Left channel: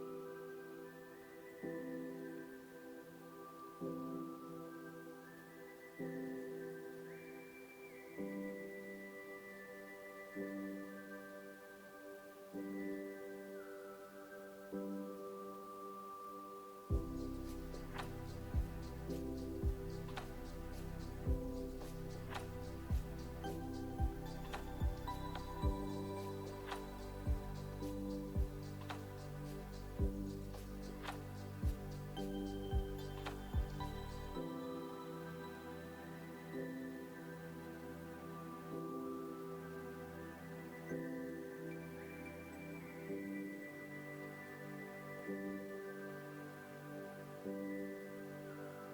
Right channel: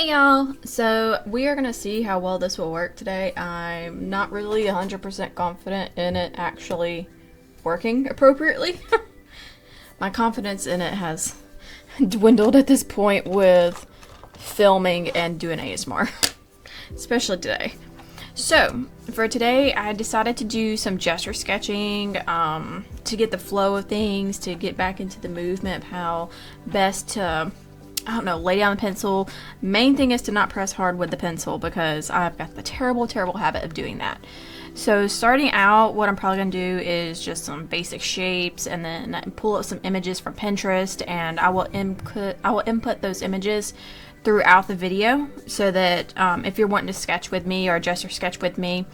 Hey y'all, so we are going to see how well this will work today. I'm not really 100% confident in it actually working appropriately. My confidence in it has dwindled at this point with filming and doing ASMR, especially today. So, for today, I decided to do some gesture sketching to get the flow of things, to get back into the movement of how best to, I don't know, lay down the pencil. Main thing is to not press hard with the pencil because I've got the terrible habit of doing that. So starting out, what I'm probably going to do is just some basic shapes and then pull up some images from Pinterest, and I will input those images throughout the video so that if you're wanting to sketch with me or gesture sketch with me,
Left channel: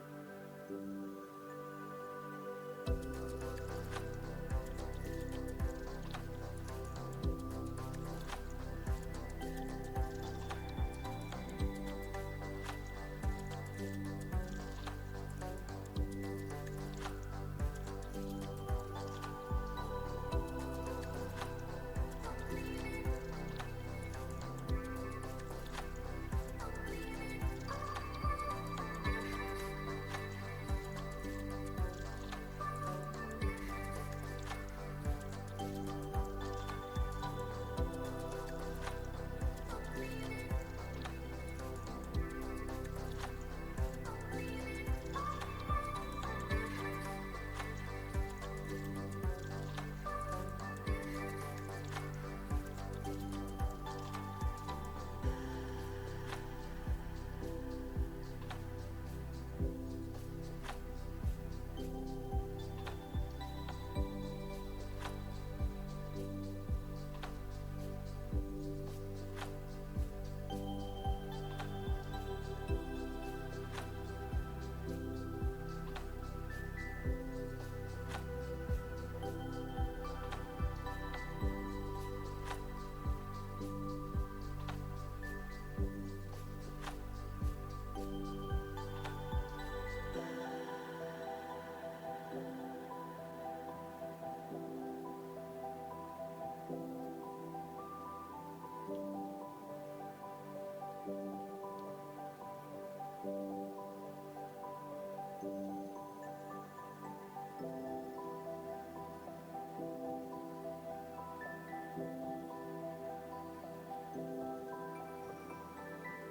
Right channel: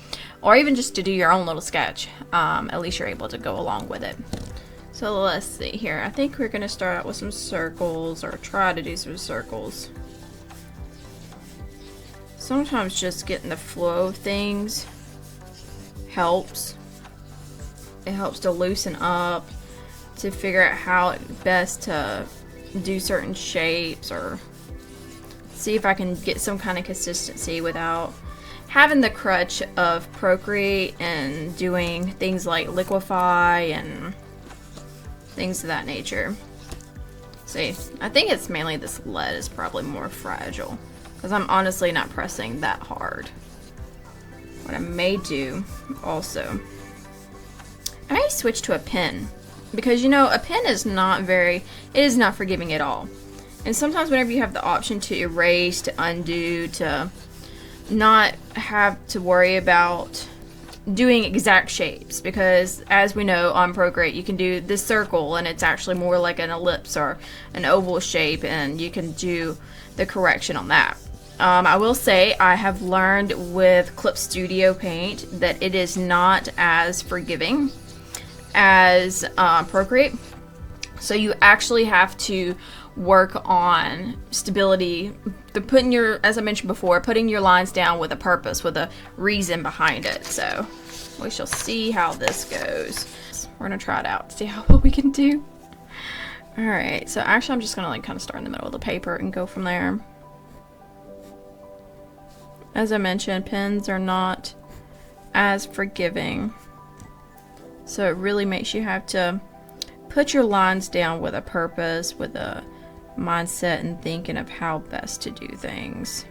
or even just to do your own little sketch, at least you're able to go along with it. So let's see here. I think we're going to start out with some circles, or try to do some circles. Sometimes just getting the flow of things helps. It helps to loosen up, to figure out how best to do certain shapes, or see if I can get some kind of consistency without having the crutch of Procreate and doing things like liquify and things of that nature. See, I think it's mainly this lead is probably more fragile because I'm honestly not pressing that hard. What I may do also, I may switch to a pen, because you know a pen is not forgiving at all. And sometimes whenever you have the option to erase, to undo, to not have to worry about doing exact shapes, because as we know on Procreate you can do this circle and it's actually more like an ellipse or an oval shape, and you can do the correction on that. I will say I have learned with Clip Studio Paint that it is not as forgiving as Procreate, so you actually have to work on stability, as I mentioned before, putting your lines down with a purpose, with a reason behind it. So we shall see how this goes. We're gonna try it out to see how well we can do. Alright, so actually I'm just gonna like kind of start in the middle of the paper and go from there. As I mentioned, pens are not as forgiving, so it really makes you have to put your lines down with a purpose, with a mindset and thinking of how best to do things.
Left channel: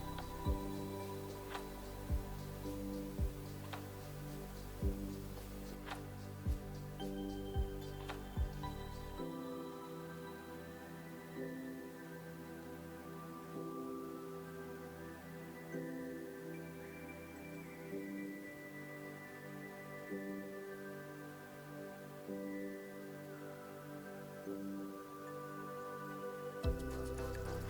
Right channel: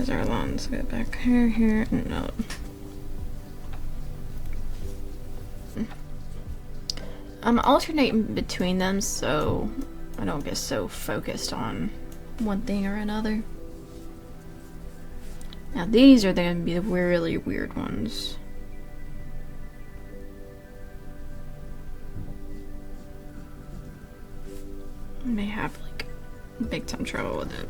Because our lines go back here, and out. I'm alternating between them so I don't get so focused on one thing or another. Now these are going to be the really weird ones. I may have like big time trouble with it.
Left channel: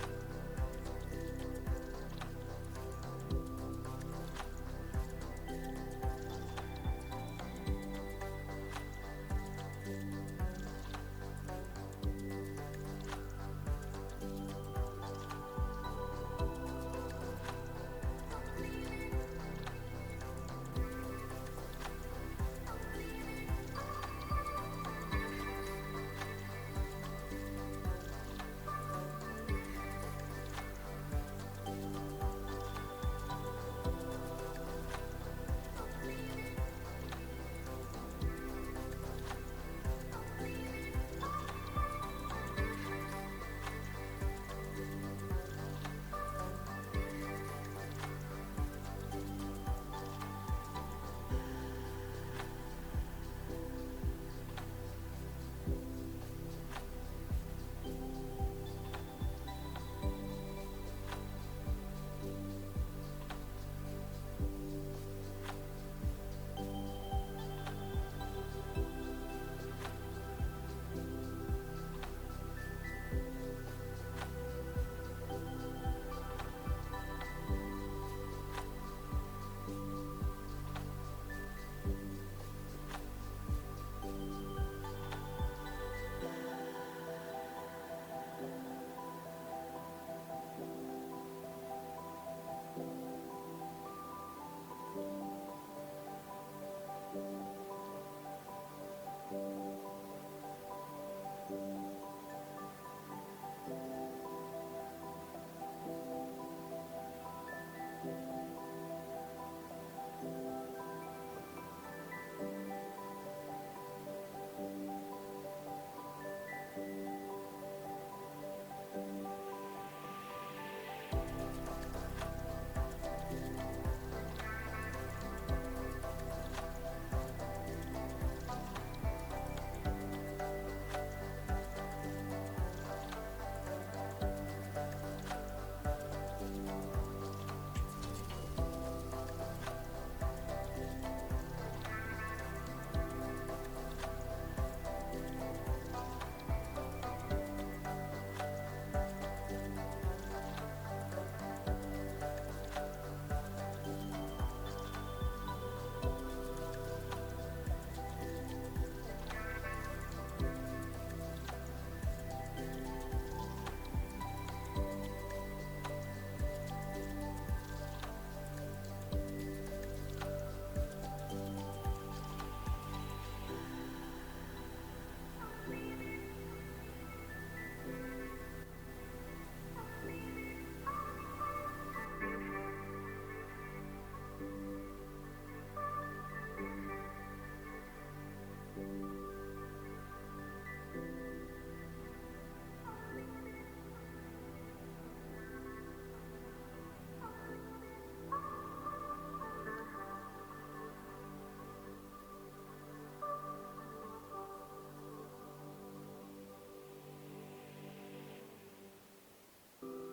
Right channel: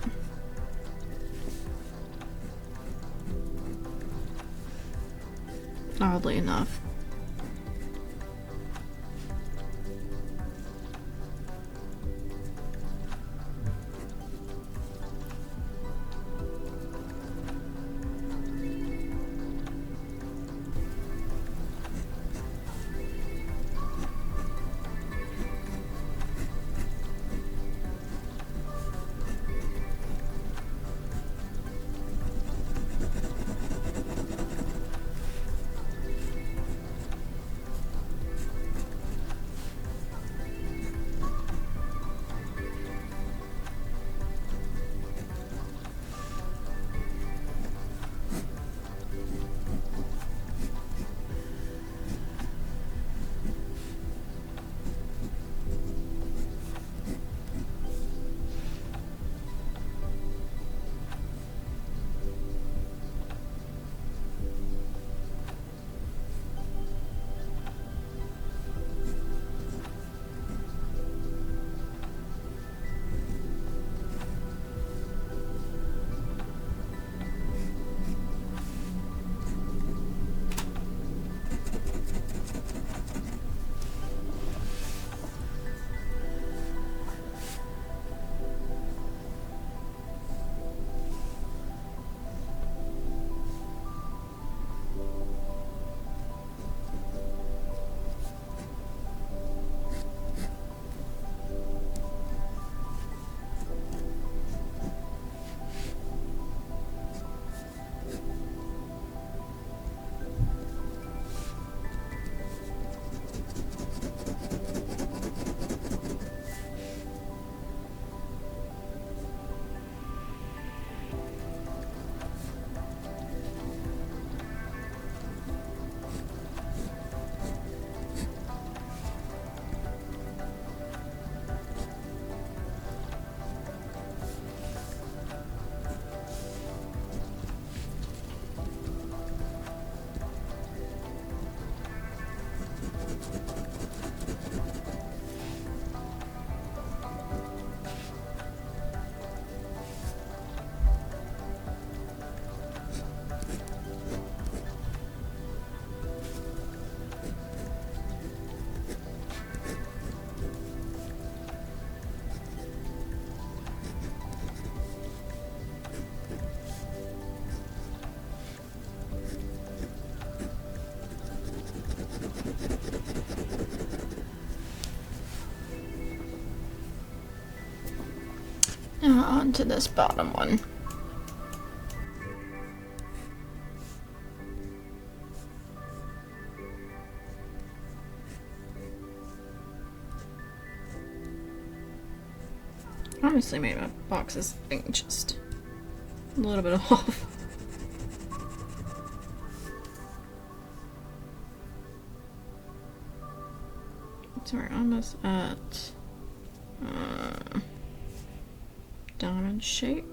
Oddly enough. Now on to this bottom one. Honestly, made my boxes thing just a little bit off. So we're almost at diamond shape.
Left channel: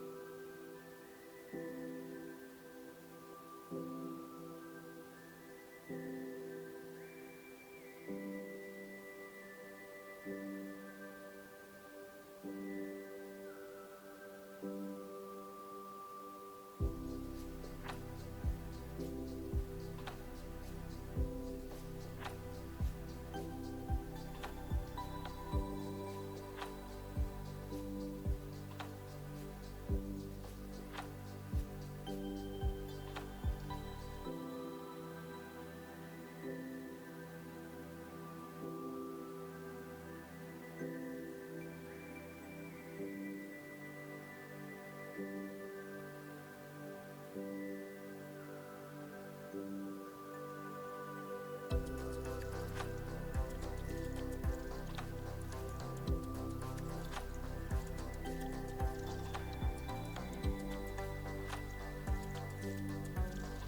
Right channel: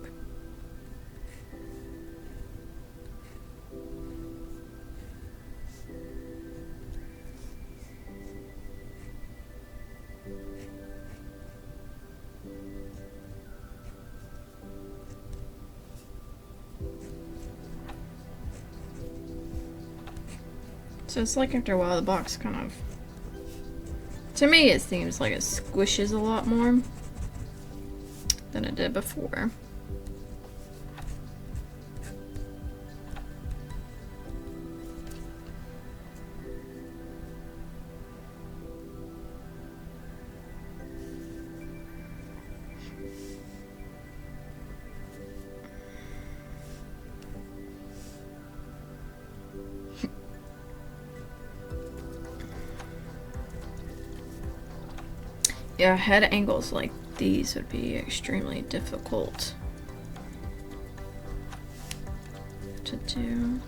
So it's like after a while the box kind of, to me it seems like it squishes a lot more than it did before. Yeah, head angles like these would be extremely difficult. do.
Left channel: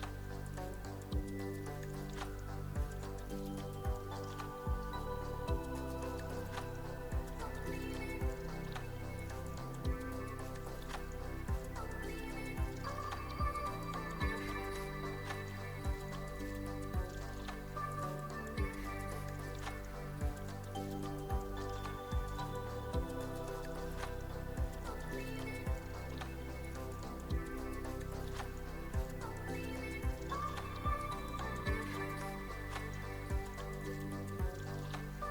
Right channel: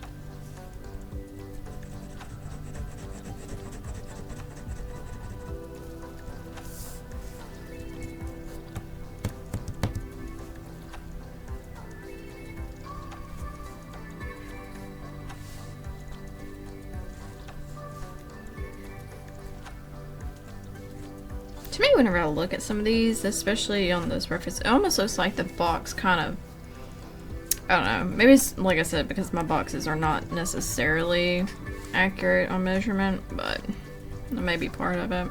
To me, whenever I look at some of these, especially on this reference, it almost looks like the box kind of, I don't know, maybe it's, like I said, because my boxes are not necessarily accurate on measurement, but that may be part of it.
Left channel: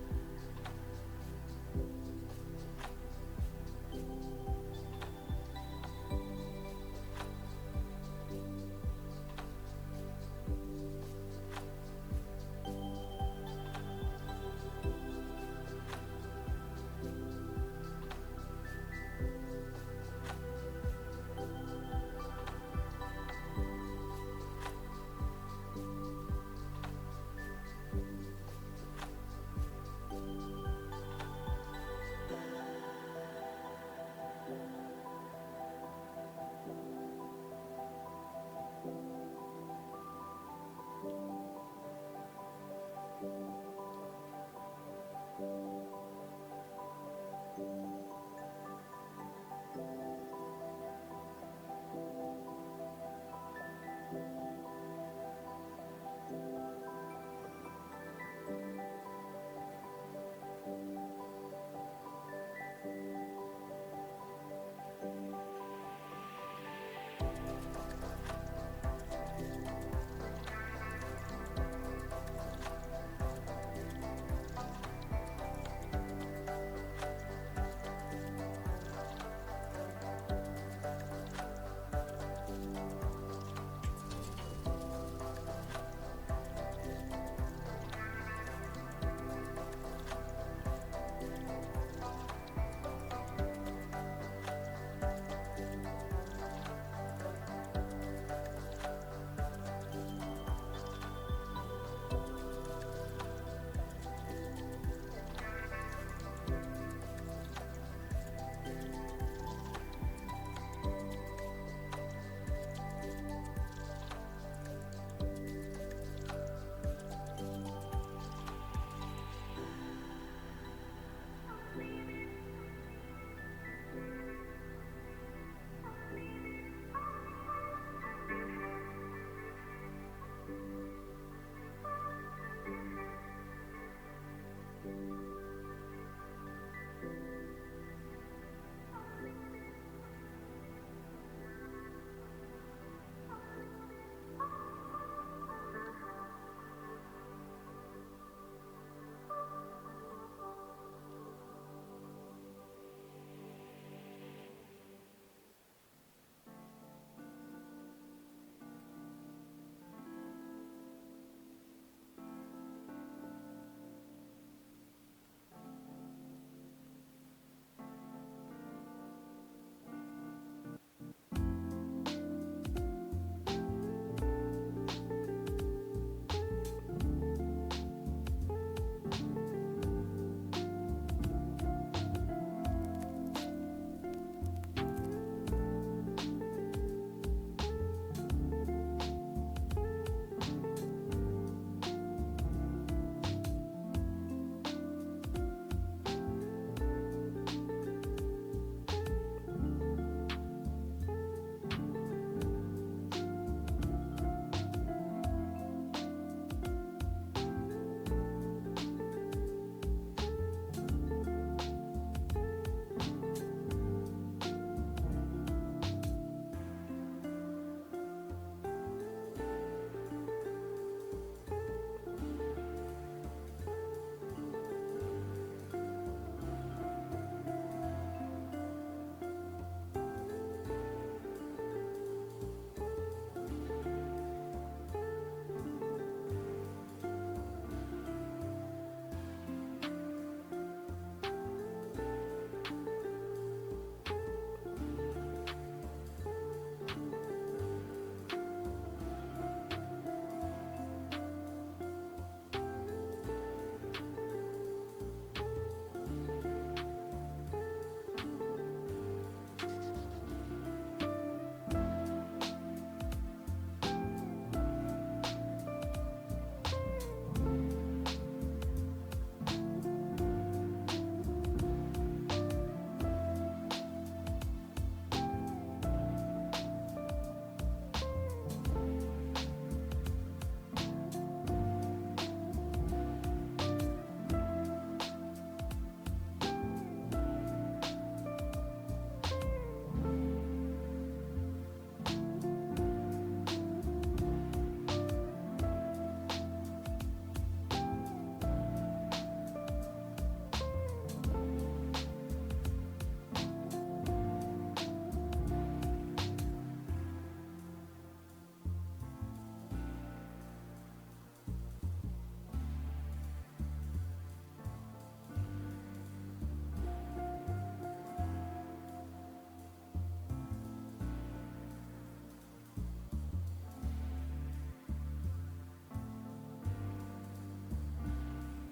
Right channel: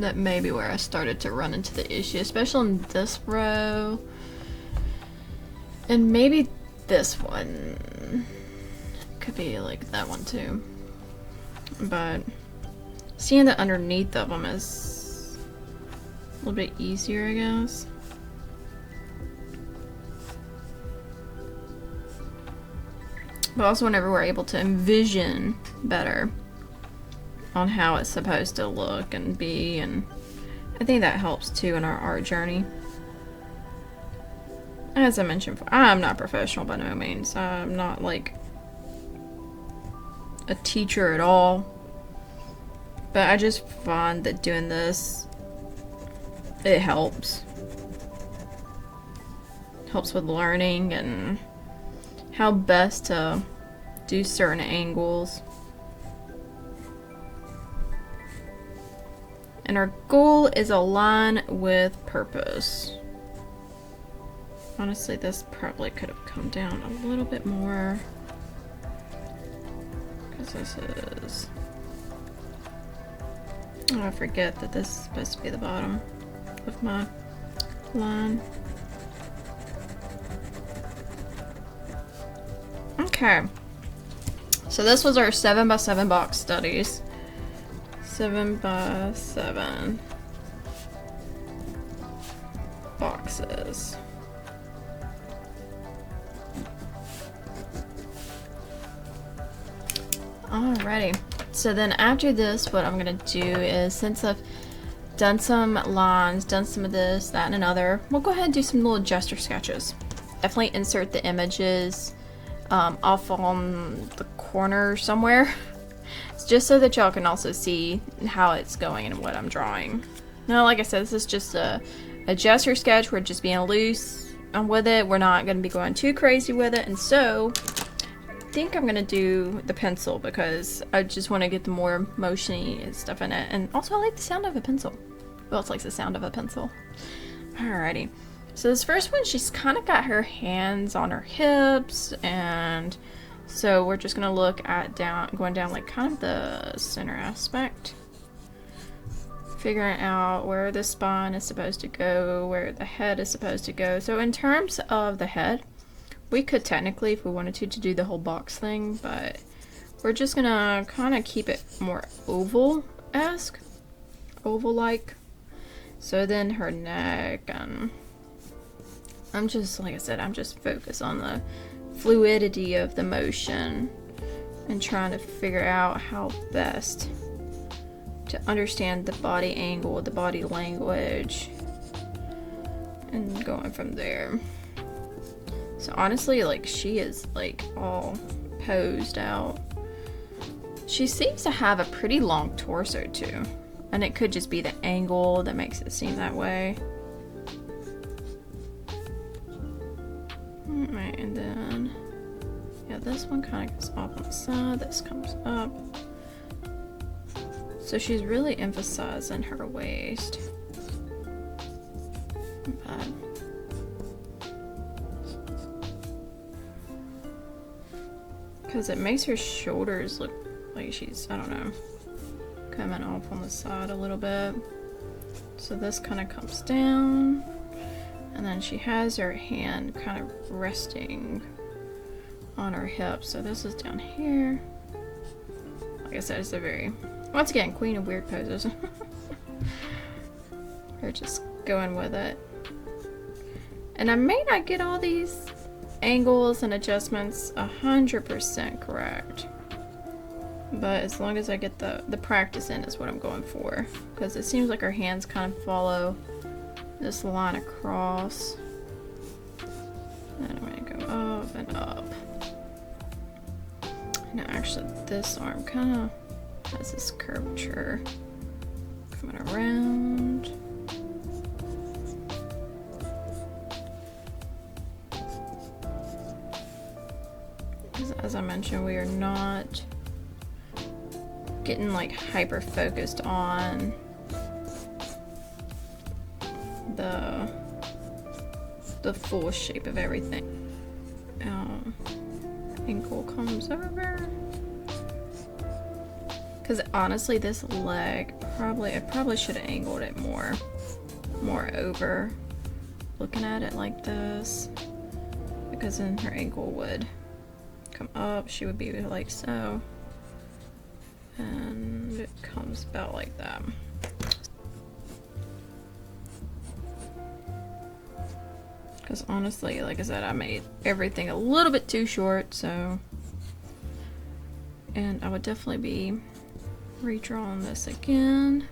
That may be where I started to run into the issue, especially in this row. And maybe this one. Could be like that one too. But seeing the underneath of them is a little bit easier, I guess. But also whenever we're able to envision better on how it's supposed to look and be, and I think that helps too in our art journey. As I mentioned before, I'm not professional by no means. I'm not like a teacher at all, but I just find that doing this, it helps with learning and how best to do certain angles. And our goal is align with purpose. Honestly, this probably could have come down a little bit more. This is, oh, I forget that this is supposed to be the bottom of my line. Okay, so this was our 7x7 box studies. 7x7 boxes. Alrighty, so then after this, what I'm gonna do is, since I've done some lines, done some of this, that, and another, we'll go ahead and do some little gesture sketches. Definitely insert the images off on the corner somewhere, just so that y'all can also see how it's going and what I'm drawing. Now, like I said, this is just a gesture sketch. We're just being loose with it. We're not gonna be going too crazy with it, and so I think I'm gonna do the pencil because I just want to get the more motiony and stuff in it, and also I like the sound of a pencil. Who else likes the sound of a pencil? Alrighty, so this first one, she's kind of got her hands on her hips, and so we're just gonna look at going down like kind of the center aspect, figuring out where the spine is supposed to go, where the head is supposed to go. So in terms of the head, we could technically, if we wanted to do the whole box thing, but we're just gonna kind of keep it more oval-esque, oval-like. So then her neck, and I'm just, like I said, I'm just focused on the fluidity of the motion and trying to figure out how best to understand the body angle, the body language, and going from there. So honestly, like, she is like all posed out. She seems to have a pretty long torso too, and it could just be the angle that makes it seem that way. Alright, and then yeah, this one kind of goes off on the side, this comes up. So she's really emphasizing her waist. Because it makes her shoulders look like she's, I don't know, coming off on the side a little bit. So this kind of comes down, and then she has her hand kind of resting on her hip. So this is down here. Like I said, it's a very, once again, queen of weird poses. We're just going with it. And I may not get all these angles and adjustments 100% correct, But as long as I get the practice in is what I'm going for. Because it seems like her hands kind of follow this line across. And I'm going to go up and up. Now actually this arm kind of has this curvature coming around. As I mentioned, we are not getting like hyper focused on the full shape of everything. Ankle comes over. Because honestly, this leg I probably should have angled it more over. Looking at it like this, because then her ankle would come up. She would be like so, and it comes about like that. Because honestly, like I said, I made everything a little bit too short, so. And I would definitely be redrawing this again.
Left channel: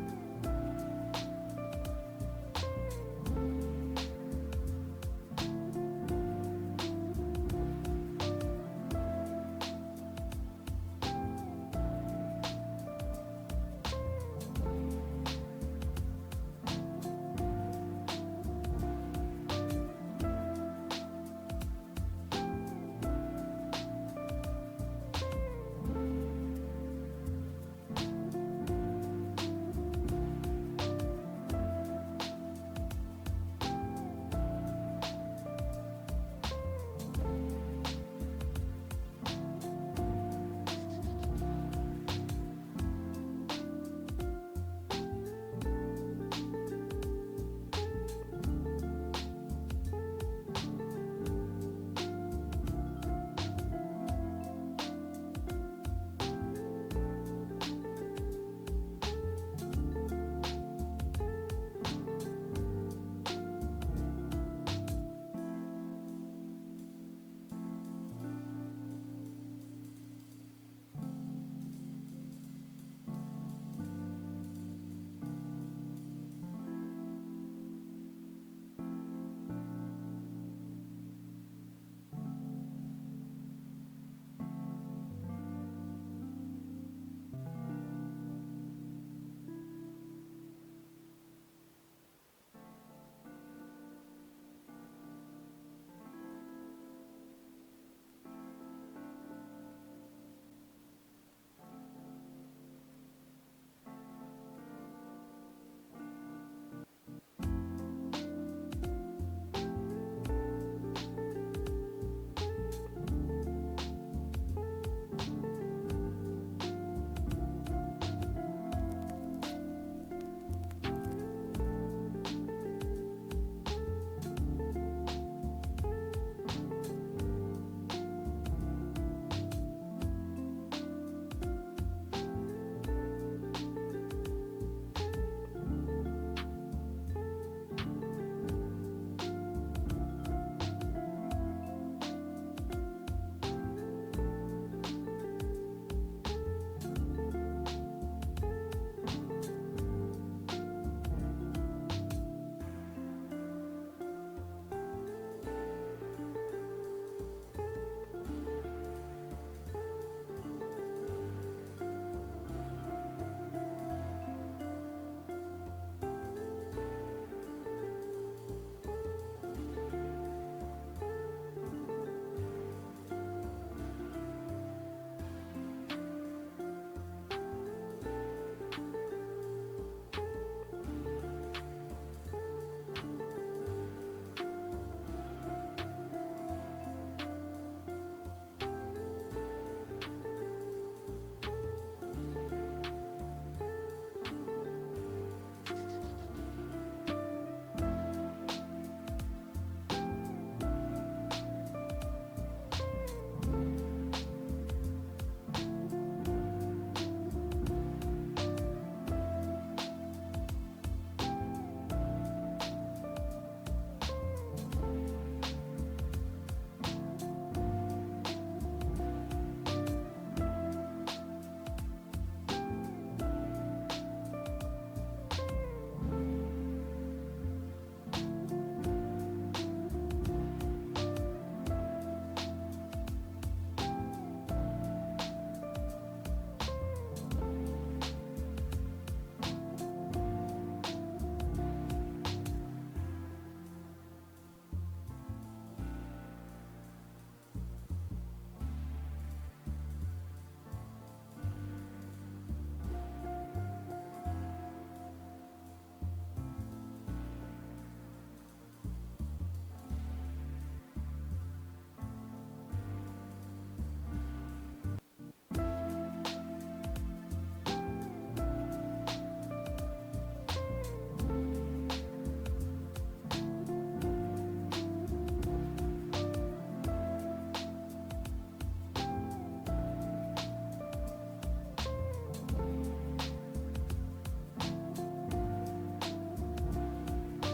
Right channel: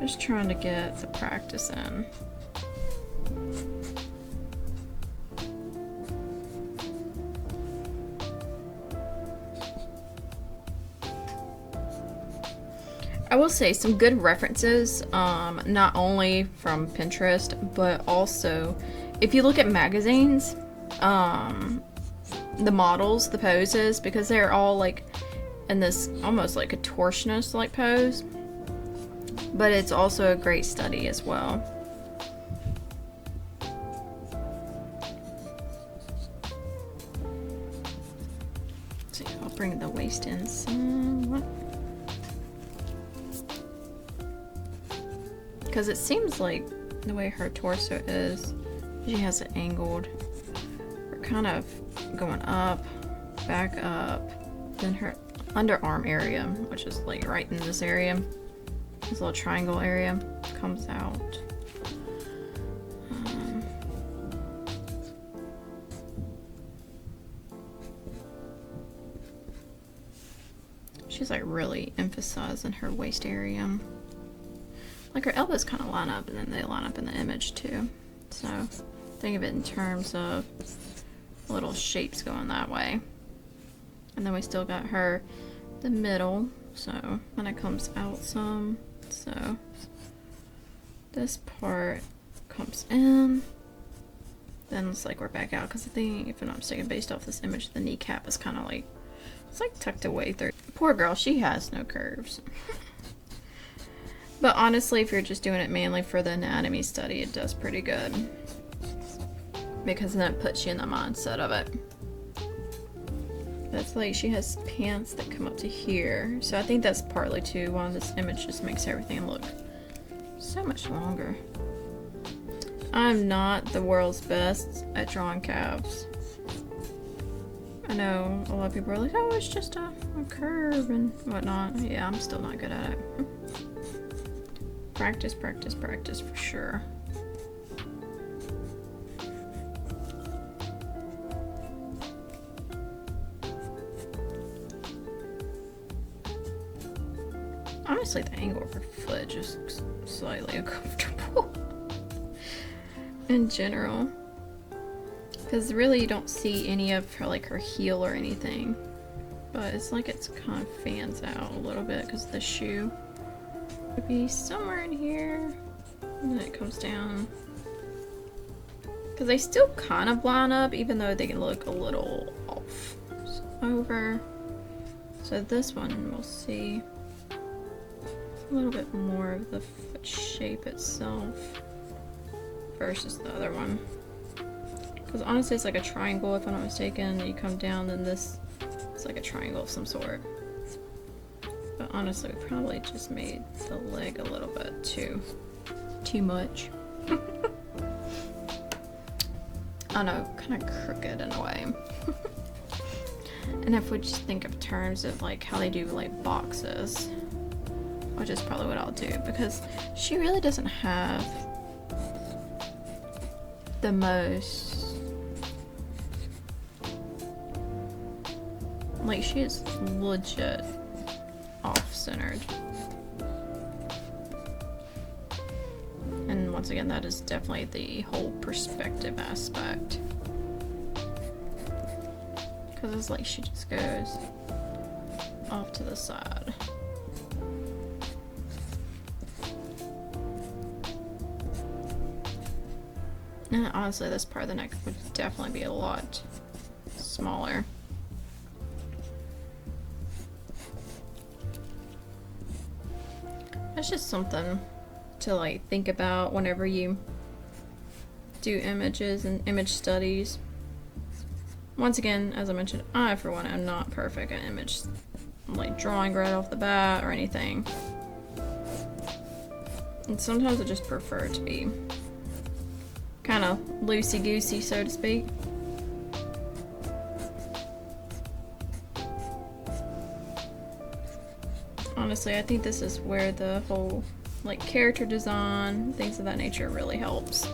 Just trying to get the practice in. I will say some good references, not only from Pinterest, but also if you look at magazines, the models, the poses, because they're all like in this almost like a torsionist like pose, but it's also a great study as well. So I'll bring the waist in somewhat. Because it seems like the way her torso is, she has it angled. We're kind of going up, back up, then her underarm area, which is like right in this area, this little triangle area, comes out. She's like really emphasizing her waist area. Like her elbows kind of line up, and then they line up in the image too. So think of it in terms of little shapes going that way. And then we still got her, the middle, so when it comes out some, so this part comes in, then it's like we're back out, because I think, if I'm not mistaken, based off this image, the kneecap is kind of like, it's like tucked away through. Poor girl, she has no curves. But honestly, if you're just doing it mainly for the anatomy study, it does pretty good. Because then it puts you in the mindset of it. That's like, she has pants that come up to here. So I think that's partly too why this image just makes everything look so much longer. I'm not the world's best at drawing calves. I know a lot of people are like, oh, it's just a curve and whatnot. Yeah, I'm still not good at it. Practice, practice, practice for sure. Honestly, the angle of her foot just looks slightly uncomfortable in general. Because really you don't see any of her, like her heel or anything. But it's like it's kind of fans out a little bit because the shoe would be somewhere in here, and then it comes down. Because they still kind of line up, even though they can look a little off. So over. So this one we'll see a little bit more of the foot shape itself versus the other one. Because honestly, it's like a triangle if I'm not mistaken. You come down, then this is like a triangle of some sort. Honestly, we probably just made the leg a little bit too much. I know, kind of crooked in a way. And if we just think of terms of like how they do like boxes, which is probably what I'll do, because she really doesn't have the most Like, she is legit off-centered. And once again, that is definitely the whole perspective aspect. Because it's like she just goes off to the side. And honestly, this part of the neck would definitely be a lot smaller. It's just something to like think about whenever you do images and image studies. Once again, as I mentioned, I for one am not perfect at image like drawing right off the bat or anything. And sometimes I just prefer to be kind of loosey-goosey, so to speak. Honestly, I think this is where the whole like character design, things of that nature really helps.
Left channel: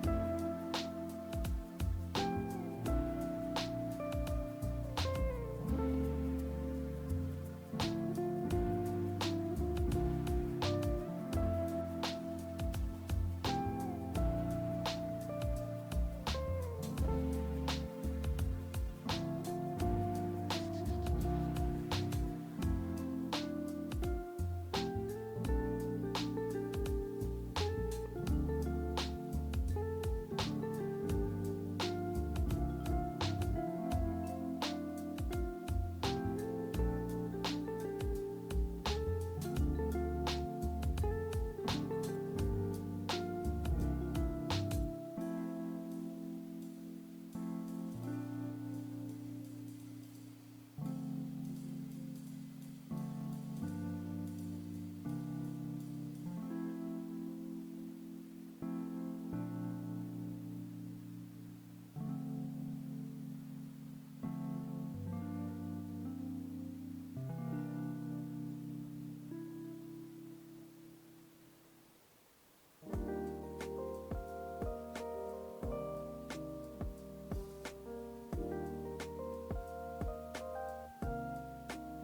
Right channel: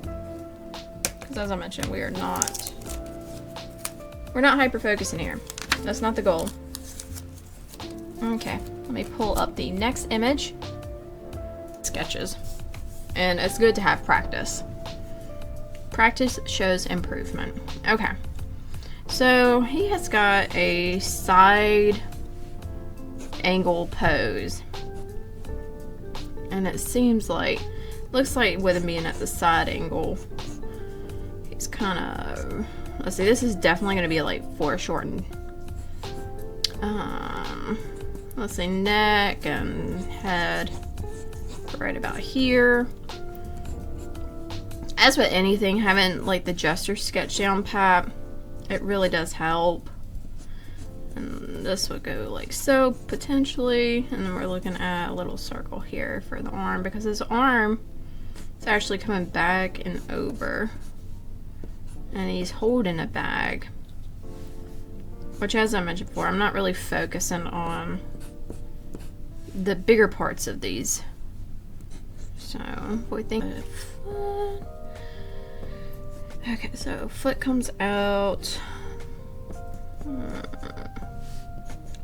Because as I mentioned, we're not hyper-focusing here. That's not the goal. Okay, let me pull up the next image. Sketches. And it's good to have practice. Practice shows improvement. Okay. So he has got a side angle pose. And it seems like, looks like with him being at the side angle, he's kind of, let's see, this is definitely going to be like foreshortened. Let's see, neck and head right about here. As with anything, having like the gesture sketch down pat, it really does help. And this would go like so, potentially. And then we're looking at a little circle here for the arm, because his arm is actually coming back and over. And he's holding a bag. Which, as I mentioned before, I'm not really focusing on the bigger parts of these. So, we think... Okay, so foot comes out.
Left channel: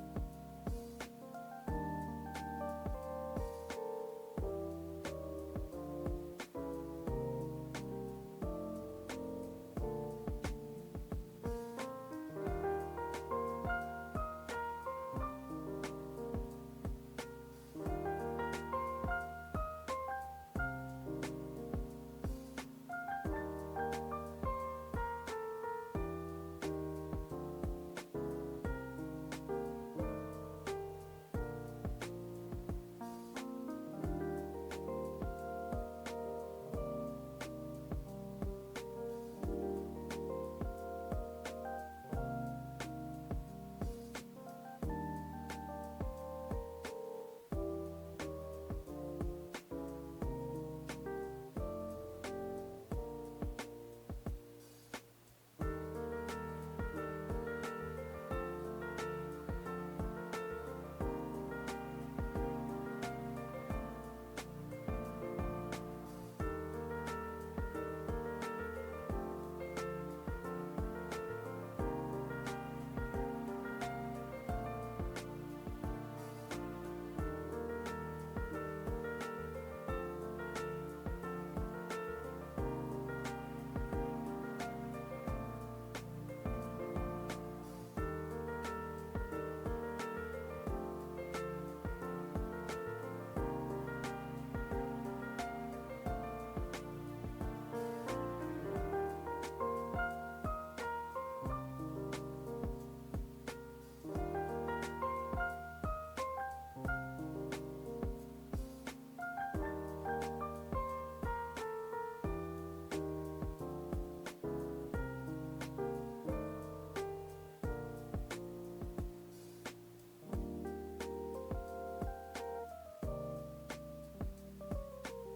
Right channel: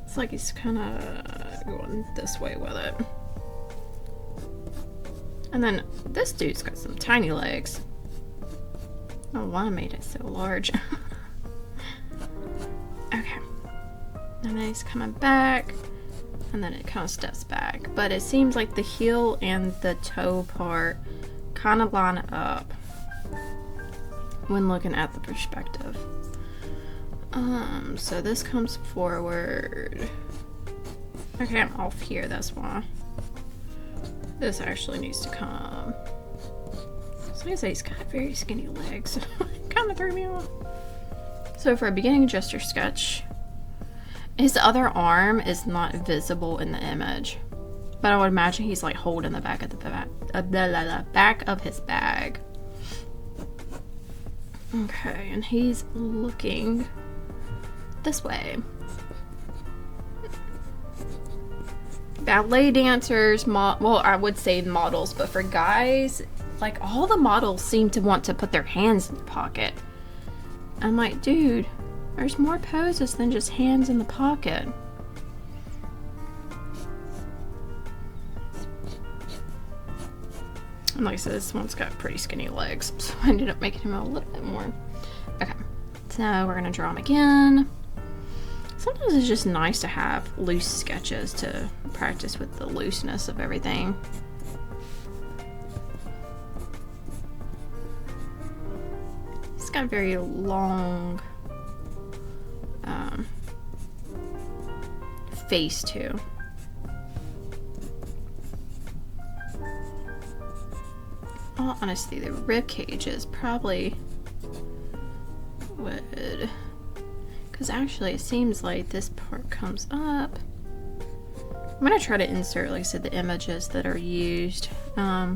It's like he's kind of going this way with it. And then this dude's got some tiny legs. I don't know why I made it so large. Okay. And then he's coming back. And then it kind of steps back. But it seems like the heel and the toe part kind of line up when looking at the perspective. So this comes forward. Okay, I'm off here, that's why. This actually needs to come. So I say he's got very skinny legs. Kind of threw me off. So for a beginning gesture sketch, his other arm is not visible in the image. But I would imagine he's like holding the back of the back of his bag. Okay, and he's looking this way. Ballet dancers, well, I would say models, but for guys, like all the models seem to want to put their hands in the pocket. I'm like, dude, there's more poses than just hands in the pocket. And like I said, this one's got pretty skinny legs, so I ended up making him a little bit more. Okay, so we're gonna draw him again. Sometimes it's just nice to have loose sketches to practice with the looseness of everything. It's got a very long face too. Well, honestly, the rib cages probably would, because actually it seems like this part comes up. I'm gonna try to insert, like I said, the images that are used. I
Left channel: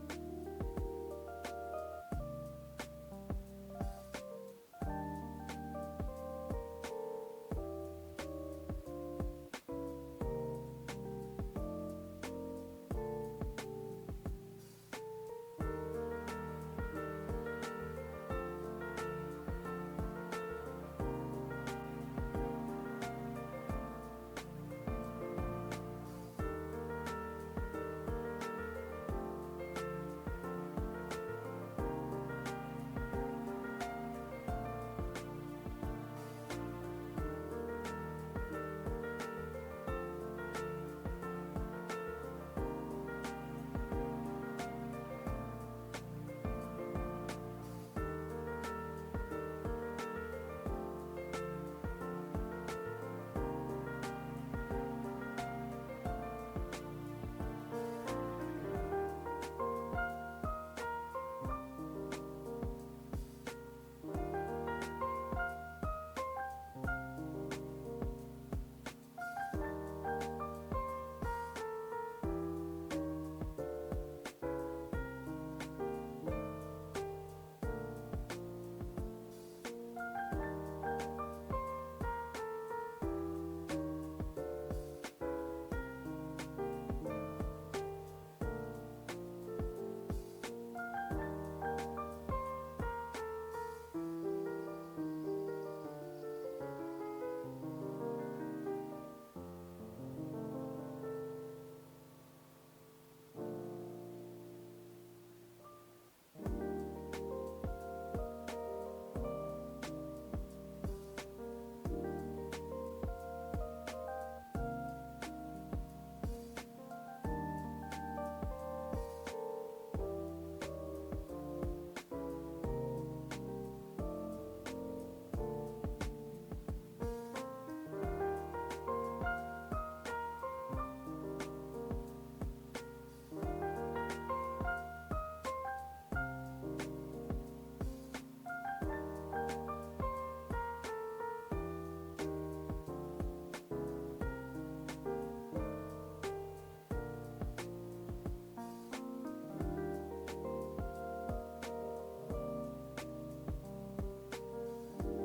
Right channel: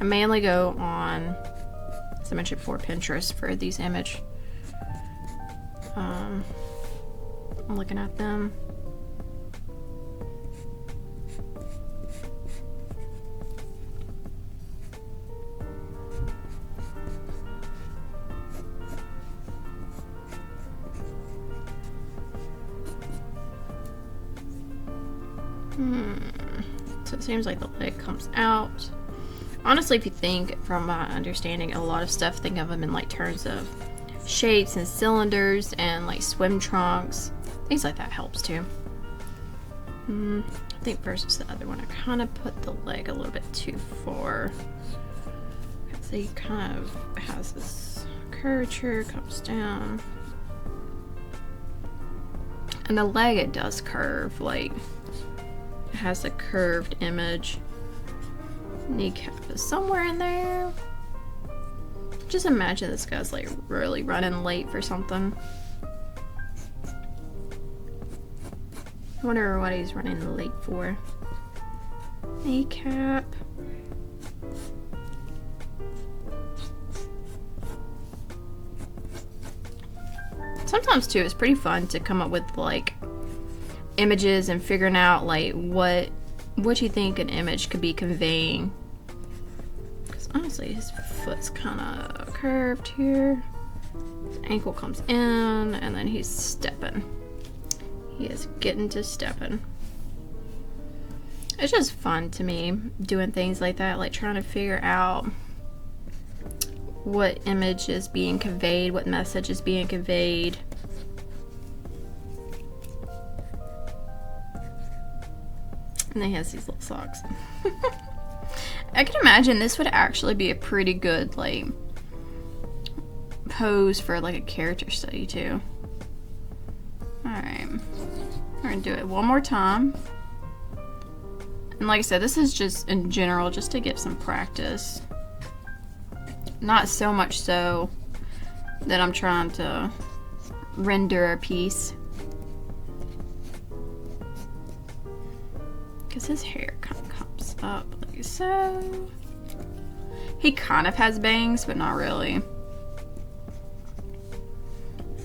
mainly go on, as I mentioned before, Pinterest for these images. I'm looking at them. So it seems like the leg comes out. Honestly, if you think, from my understanding, a lot of stuff, think of them in like terms of shapes and cylinders and like swim trunks. Things like that helps too. I think versus the other one, I kind of put the leg a little bit too far. So he kind of has this curvature, comes down. And the leg, it does curve, like it has a curved image. Kneecap is somewhere in there. Just imagine this guy's like really running late for something. I wonder what he's running late for. Kneecap. Sometimes too, it's pretty fun to come up with like images and figuring out like what you think an image could be conveying. Because honestly, his foot's kind of curved here. His ankle comes in, and then he's stepping. He is getting to stepping. It's just fun to me doing things like that, like trying to figure out what image is being conveyed, what message is being conveyed. And then he has these little socks. I can imagine this would actually be a pretty good like pose for like a character study too. Alright, we're gonna do it one more time. And like I said, this is just in general just to get some practice. Not so much so that I'm trying to render a piece. Because his hair kind of comes up like so. He kind of has bangs, but not really.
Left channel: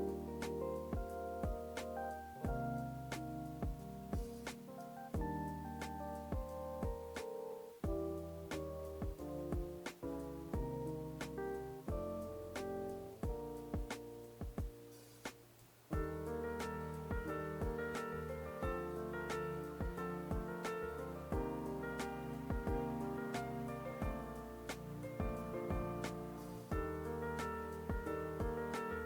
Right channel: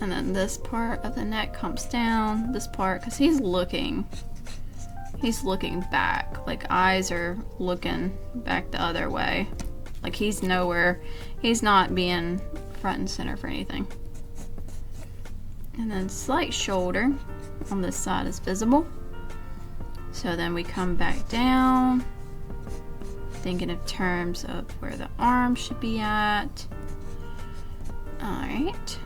And then this part of the neck comes down. This part, because he's looking back. Like eyes are looking back the other way. Like he's nowhere. He's not being front and center for anything. And then slight shoulder on this side is visible. So then we come back down, thinking in terms of where the arm should be at. Alright.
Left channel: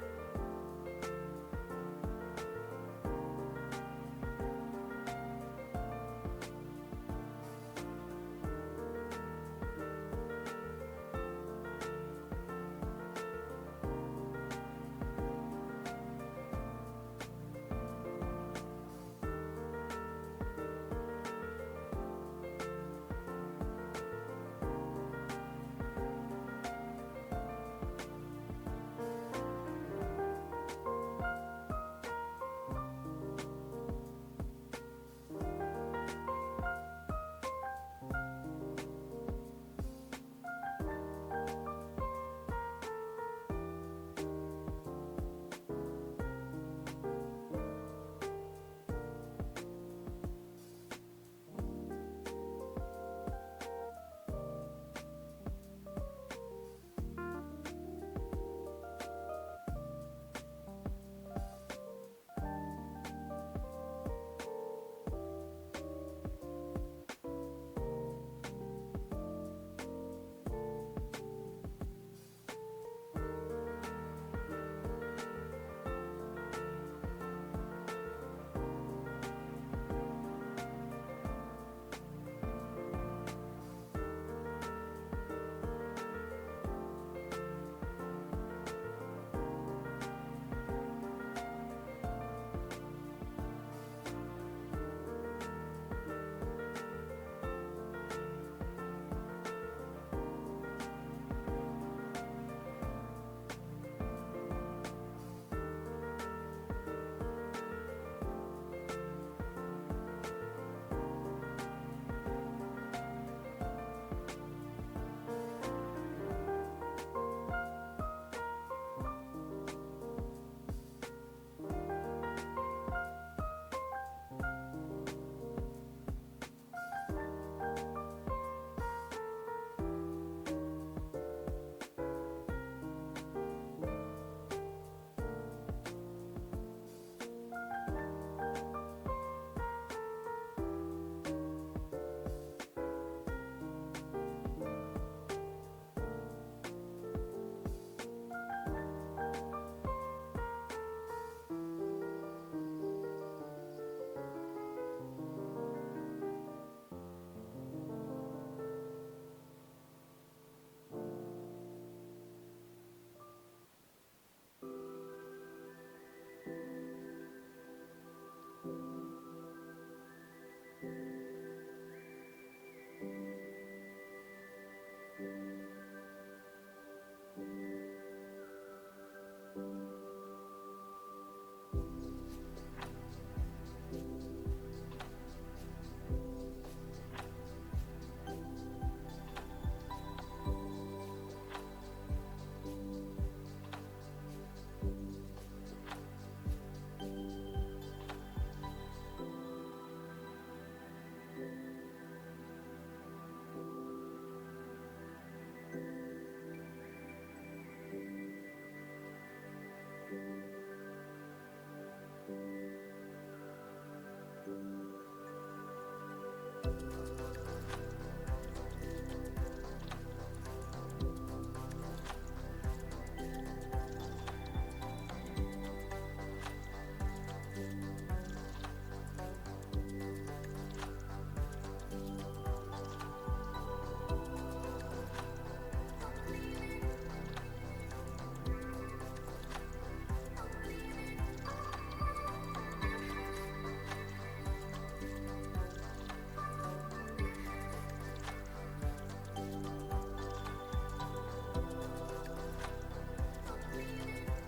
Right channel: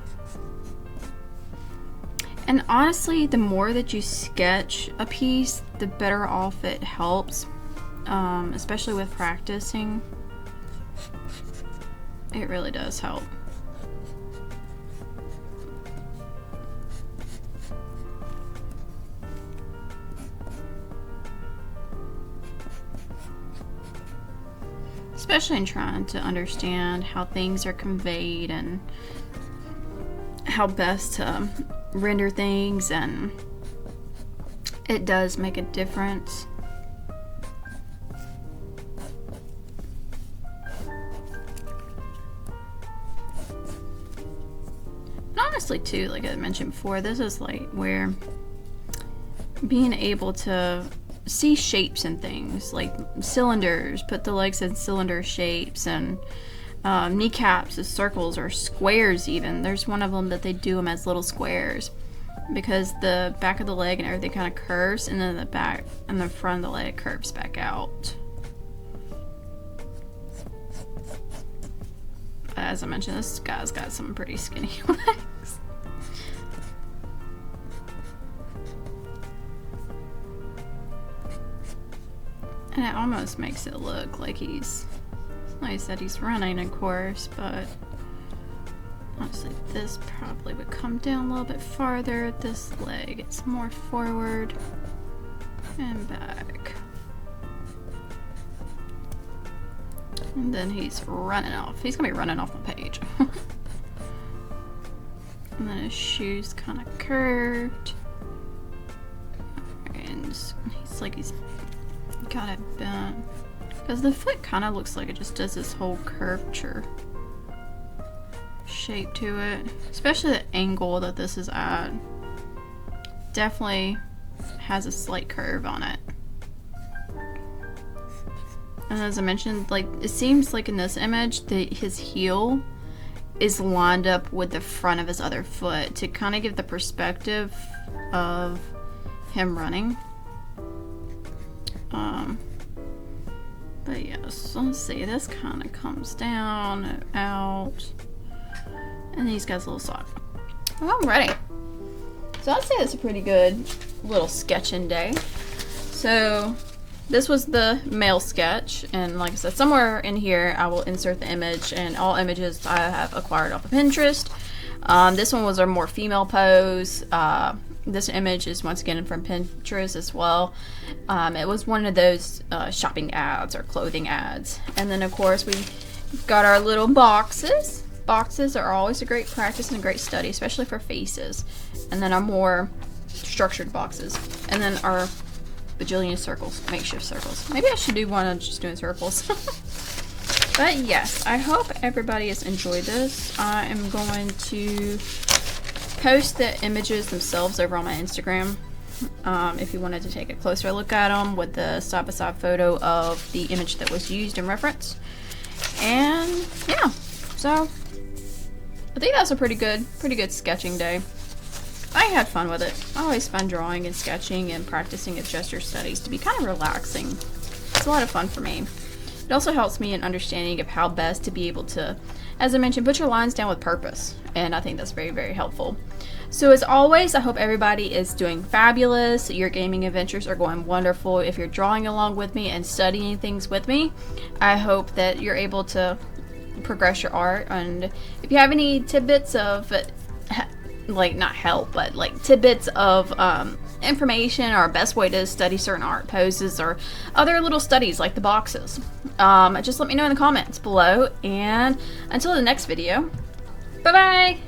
And honestly, the more that you sketch a piece, the better off it helps, especially with practicing. It really does help. Especially in trying to understand how things are conveyed and how best to render things, and it does make a difference. And honestly too, like I mentioned before, this is like where being able to see shapes and things, like cylinders, put the legs in cylinder shapes, and kneecaps as circles or squares even. There's one of them that they do them as little squares because the back of the leg and everything kind of curves, and then the back and the front of the leg curves back out. As I mentioned, this guy's got some pretty skinny legs. And it almost makes it look like he's, like I said, he's running, of course, but honestly, this probably would come down a little bit farther. This leg, it's more forward and back. And then he's running off. He's gonna be running off the page. And then his shoes kind of curved. And he's like, he's got it bent. Because the foot kind of looks like it just does this whole curvature shape to it. Especially the angle that this is at. Definitely has a slight curve on it. And as I mentioned, like, it seems like in this image that his heel is lined up with the front of his other foot to kind of give the perspective of him running. So let's see, this kind of comes down and out. And these guys a little soft. Well, I'm ready. So I'd say it's a pretty good little sketching day. So this was the male sketch, and like I said, somewhere in here I will insert the image, and all images I have acquired off of Pinterest. This one was our more female pose. This image is once again from Pinterest as well. It was one of those shopping ads or clothing ads. And then of course we've got our little boxes. Boxes are always a great practice and a great study, especially for faces. And then our more structured boxes. And then our bajillion circles, makeshift circles. Maybe I should do one on just doing circles. But yes, I hope everybody has enjoyed this. I am going to post the images themselves over on my Instagram. If you wanted to take a closer look at them with the side-by-side photo of the image that was used in reference. And yeah, so I think that's a pretty good sketching day. I had fun with it. I always find drawing and sketching and practicing at gesture studies to be kind of relaxing. It's a lot of fun for me. It also helps me in understanding of how best to be able to, as I mentioned, put your lines down with purpose. And I think that's very, very helpful. So as always, I hope everybody is doing fabulous. Your gaming adventures are going wonderful. If you're drawing along with me and studying things with me, I hope that you're able to progress your art. And if you have any tidbits of, like, not help, but like tidbits of information or best way to study certain art poses or other little studies like the boxes, just let me know in the comments below. And until the next video, bye bye.